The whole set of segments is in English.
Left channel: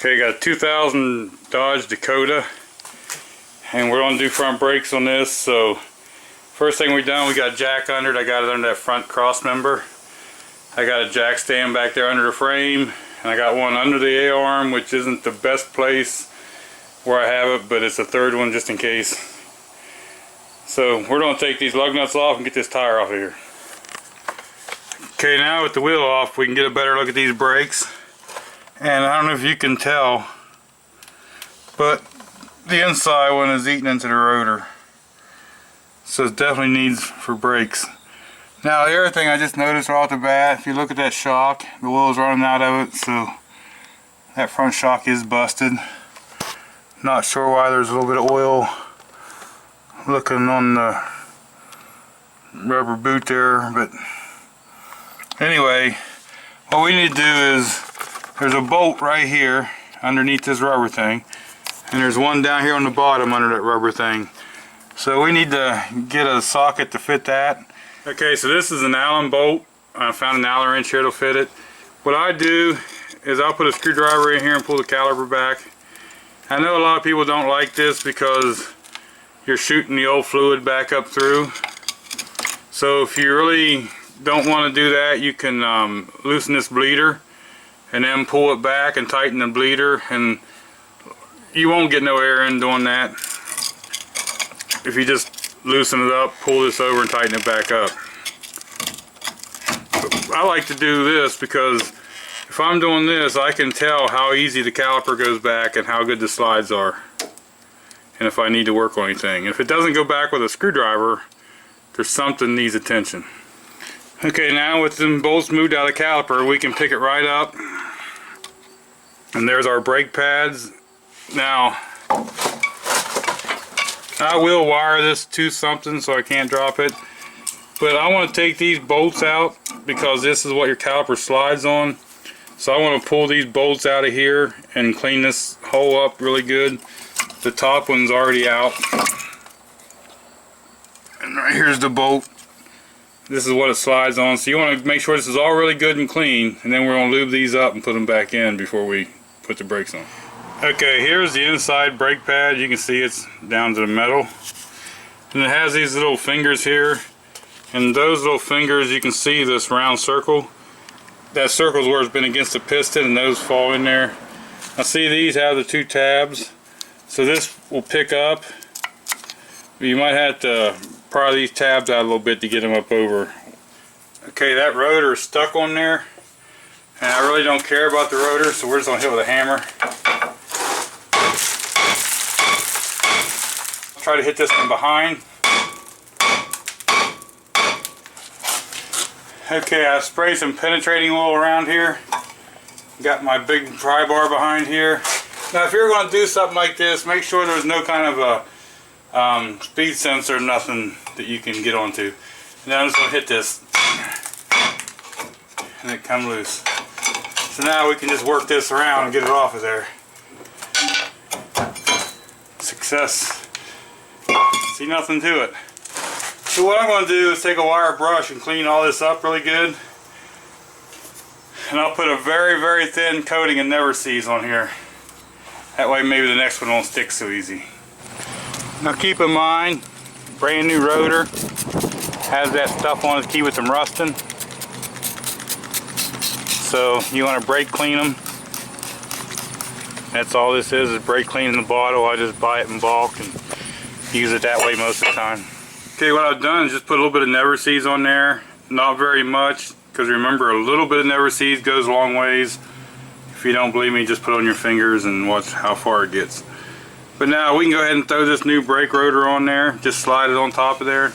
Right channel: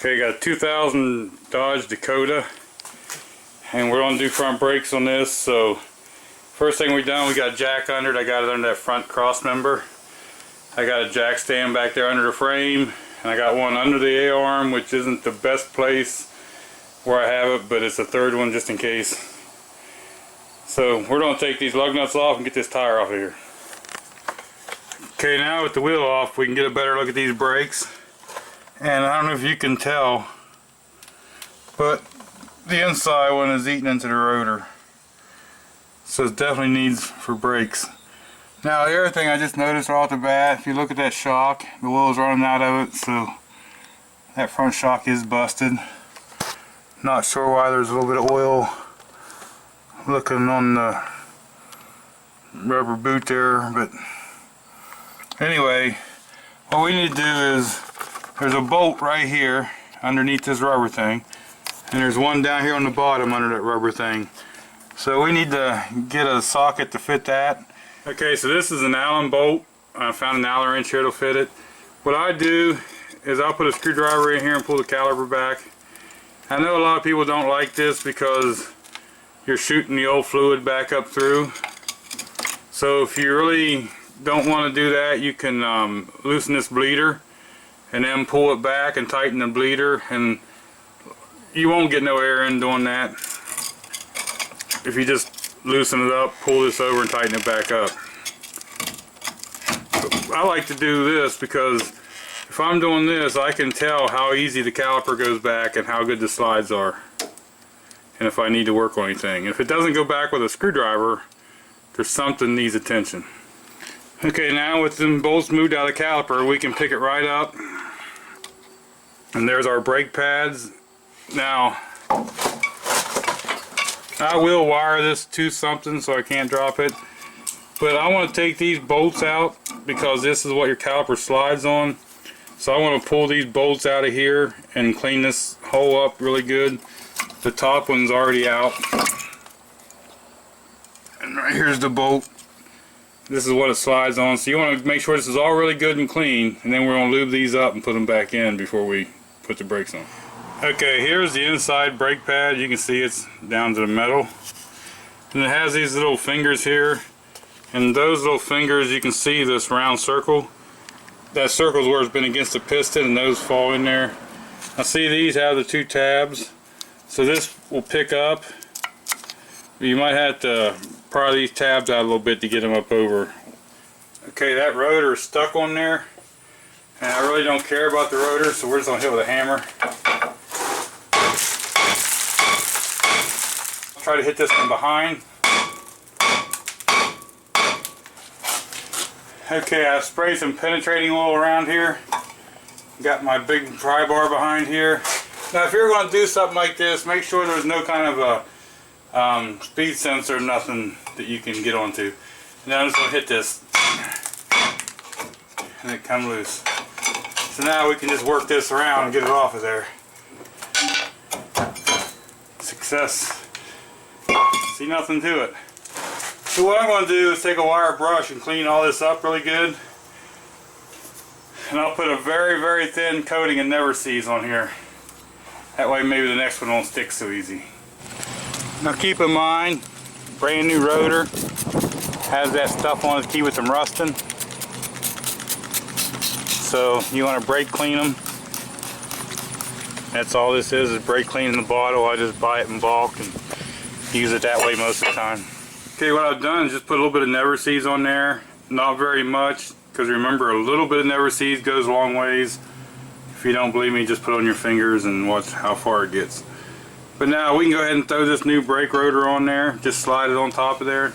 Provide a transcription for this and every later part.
Okay, got a 2000 Dodge Dakota, and we're going to do front brakes on this. So first thing we done, we got a jack under it. I got it under that front cross member. I got a jack stand back there under the frame, and I got one under the A-arm, which isn't the best place where I have it, but it's a third one just in case. So we're going to take these lug nuts off and get this tire off of here. Okay, now with the wheel off, we can get a better look at these brakes. And I don't know if you can tell, but the inside one is eating into the rotor. So it definitely needs for brakes. Now the other thing I just noticed right off the bat, if you look at that shock, the oil's running out of it, so that front shock is busted. Not sure why there's a little bit of oil looking on the rubber boot there, but anyway, what we need to do is, there's a bolt right here underneath this rubber thing, and there's one down here on the bottom under that rubber thing. So we need to get a socket to fit that. Okay, so this is an Allen bolt. I found an Allen wrench here to fit it. What I do is I'll put a screwdriver in here and pull the caliper back. I know a lot of people don't like this because you're shooting the old fluid back up through. So if you really don't want to do that, you can loosen this bleeder and then pull it back and tighten the bleeder, and you won't get no air in doing that. If you just loosen it up, pull this over and tighten it back up. I like to do this because if I'm doing this, I can tell how easy the caliper goes back and how good the slides are, and if I need to work on anything. If it doesn't go back with a screwdriver, there's something needs attention. Okay, now with them bolts moved out of the caliper, we can pick it right up. And there's our brake pads. Now, I will wire this to something so I can't drop it. But I want to take these bolts out because this is what your caliper slides on. So I want to pull these bolts out of here and clean this hole up really good. The top one's already out. And right here's the bolt. This is what it slides on. So you want to make sure this is all really good and clean, and then we're going to lube these up and put them back in before we put the brakes on. Okay, here's the inside brake pad. You can see it's down to the metal. And it has these little fingers here. And those little fingers, you can see this round circle. That circle is where it's been against the piston, and those fall in there. Now see, these have the two tabs. So this will pick up. You might have to pry these tabs out a little bit to get them up over. Okay, that rotor is stuck on there, and I really don't care about the rotor, so we're just going to hit with a hammer. Try to hit this from behind. Okay, I sprayed some penetrating oil around here. Got my big pry bar behind here. Now if you're going to do something like this, make sure there's no kind of a speed sensor, nothing that you can get onto. Now I'm just going to hit this, and it comes loose. So now we can just work this around and get it off of there. Success. See, nothing to it. So what I'm going to do is take a wire brush and clean all this up really good. And I'll put a very, very thin coating of Never Seez on here. That way maybe the next one won't stick so easy. Now keep in mind, brand new rotor has that stuff on it to keep it from rusting. So you want to brake clean them. That's all this is brake cleaning the bottle. I just buy it in bulk and use it that way most of the time. Okay, what I've done is just put a little bit of Never Seez on there. Not very much, because remember, a little bit of Never Seez goes a long ways. If you don't believe me, just put it on your fingers and watch how far it gets. But now we can go ahead and throw this new brake rotor on there. Just slide it on top of there.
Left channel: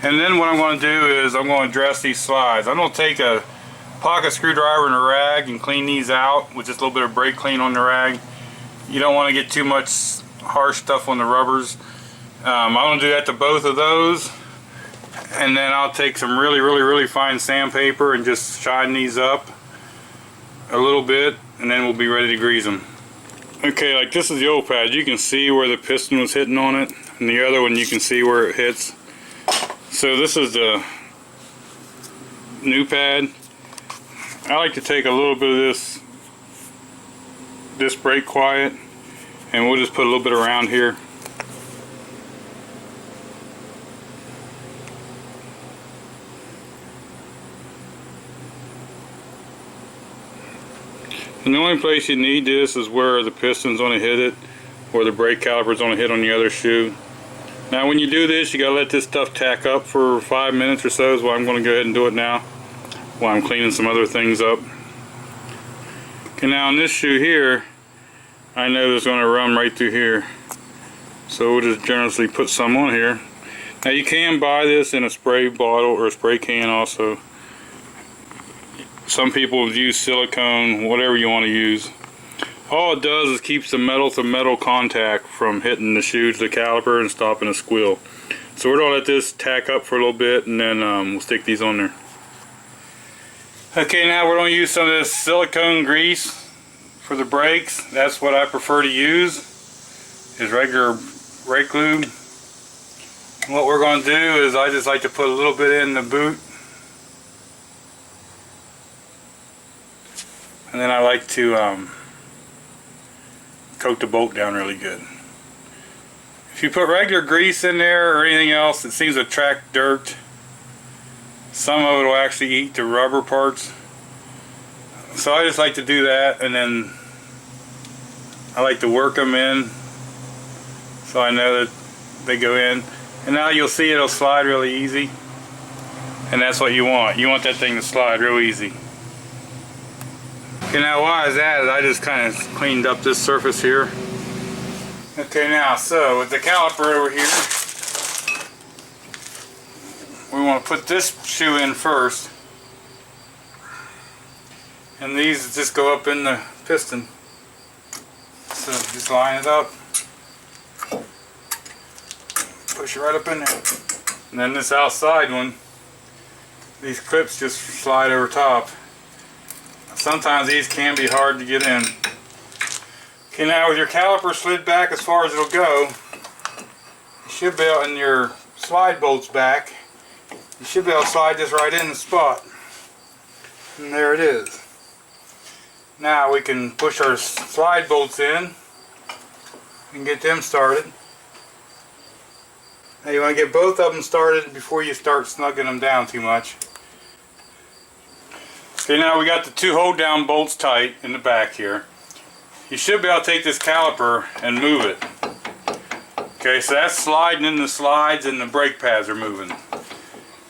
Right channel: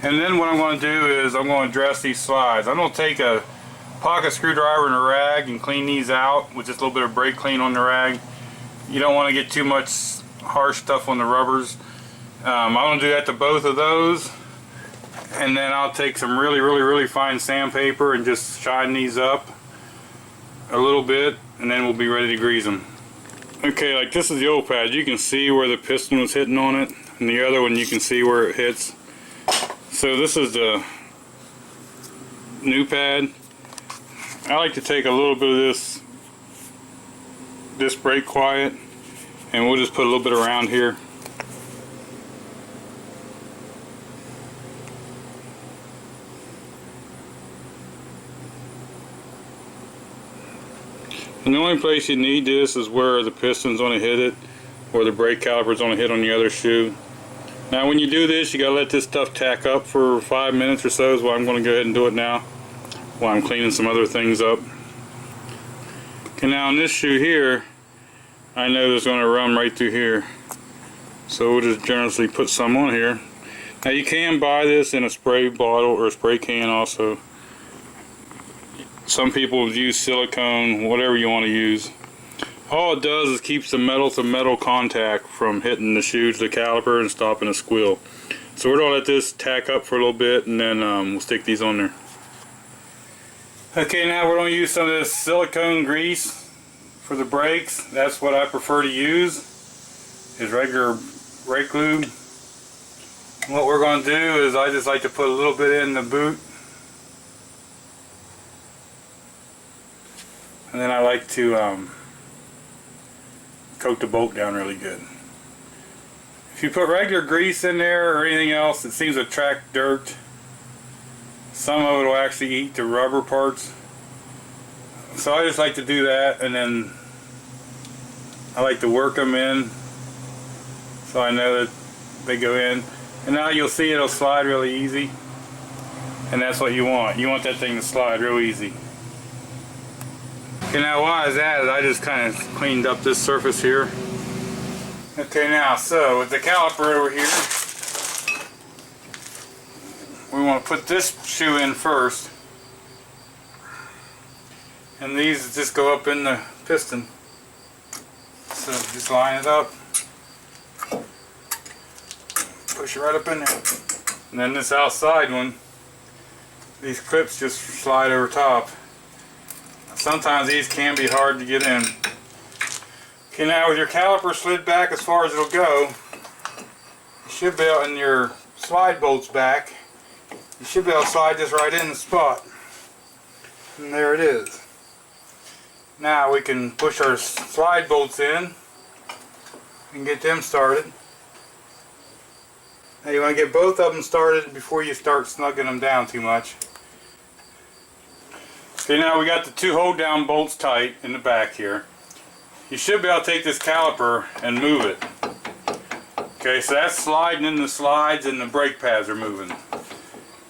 And then what I'm going to do is I'm going to dress these slides. I'm going to take a pocket screwdriver and a rag and clean these out with just a little bit of brake clean on the rag. You don't want to get too much harsh stuff on the rubbers. I'm going to do that to both of those. And then I'll take some really fine sandpaper and just shine these up a little bit, and then we'll be ready to grease them. Okay, like this is the old pad. You can see where the piston was hitting on it, and the other one you can see where it hits. So this is the new pad. I like to take a little bit of this this brake quiet, and we'll just put a little bit around here. And the only place you need this is where the piston's going to hit it, or the brake caliper's going to hit on the other shoe. Now when you do this, you got to let this stuff tack up for 5 minutes or so, is why I'm going to go ahead and do it now while I'm cleaning some other things up. Okay, now on this shoe here, I know it's going to run right through here, so we'll just generously put some on here. Now you can buy this in a spray bottle or a spray can also. Some people use silicone, whatever you want to use. All it does is keeps the metal to metal contact from hitting the shoe to the caliper and stopping a squeal. So we're going to let this tack up for a little bit, and then we'll stick these on there. Okay, now we're going to use some of this silicone grease for the brakes. That's what I prefer to use, is regular brake lube. What we're going to do is I just like to put a little bit in the boot, and then I like to coat the bolt down really good. If you put regular grease in there or anything else, it seems to attract dirt. Some of it will actually eat the rubber parts. So I just like to do that, and then I like to work them in so I know that they go in. And now you'll see it'll slide really easy. And that's what you want. You want that thing to slide real easy. Okay, now why is that? I just kind of cleaned up this surface here. Okay, now so with the caliper over here, we want to put this shoe in first, and these just go up in the piston. So just line it up, push it right up in there, and then this outside one, these clips just slide over top. Sometimes these can be hard to get in. Okay, now with your caliper slid back as far as it'll go, you should be able, and your slide bolts back, you should be able to slide this right in the spot. And there it is. Now we can push our slide bolts in and get them started. Now you want to get both of them started before you start snugging them down too much. Okay, now we got the two hold down bolts tight in the back here. You should be able to take this caliper and move it. Okay, so that's sliding in the slides and the brake pads are moving.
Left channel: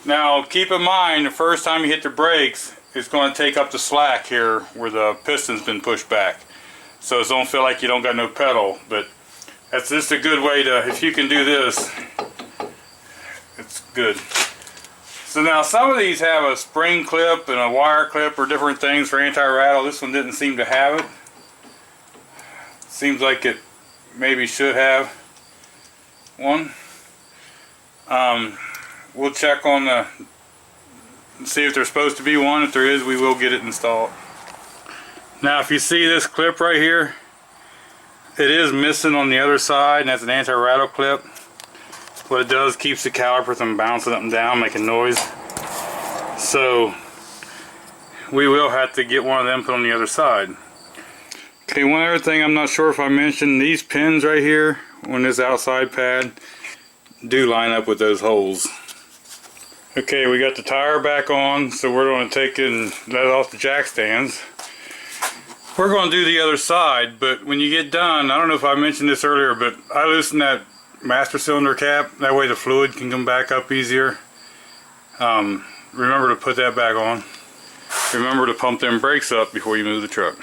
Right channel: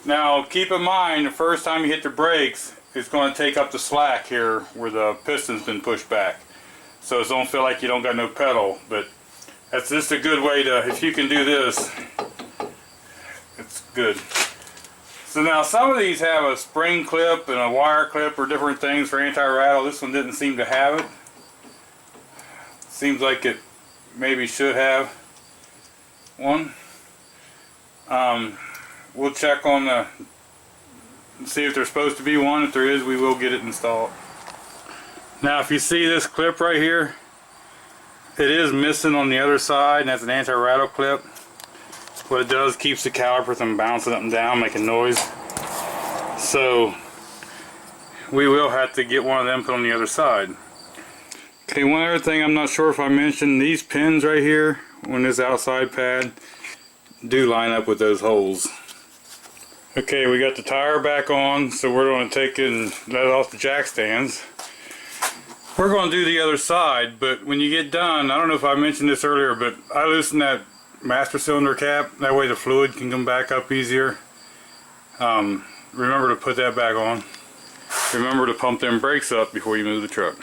Now keep in mind, the first time you hit the brakes, it's going to take up the slack here where the piston's been pushed back. So it don't feel like you don't got no pedal, but that's just a good way to, if you can do this, it's good. So now some of these have a spring clip and a wire clip or different things for anti-rattle. This one didn't seem to have it. Seems like it maybe should have one. We'll check on the, see if there's supposed to be one. If there is, we will get it installed. Now if you see this clip right here, it is missing on the other side, and that's an anti-rattle clip. What it does, keeps the caliper from bouncing up and down, making noise. So we will have to get one of them put on the other side. Okay, one other thing I'm not sure if I mentioned, these pins right here on this outside pad do line up with those holes. Okay, we got the tire back on, so we're going to take it and let it off the jack stands. We're going to do the other side, but when you get done, I don't know if I mentioned this earlier, but I loosened that master cylinder cap. That way the fluid can come back up easier. Remember to put that back on. Remember to pump them brakes up before you move the truck.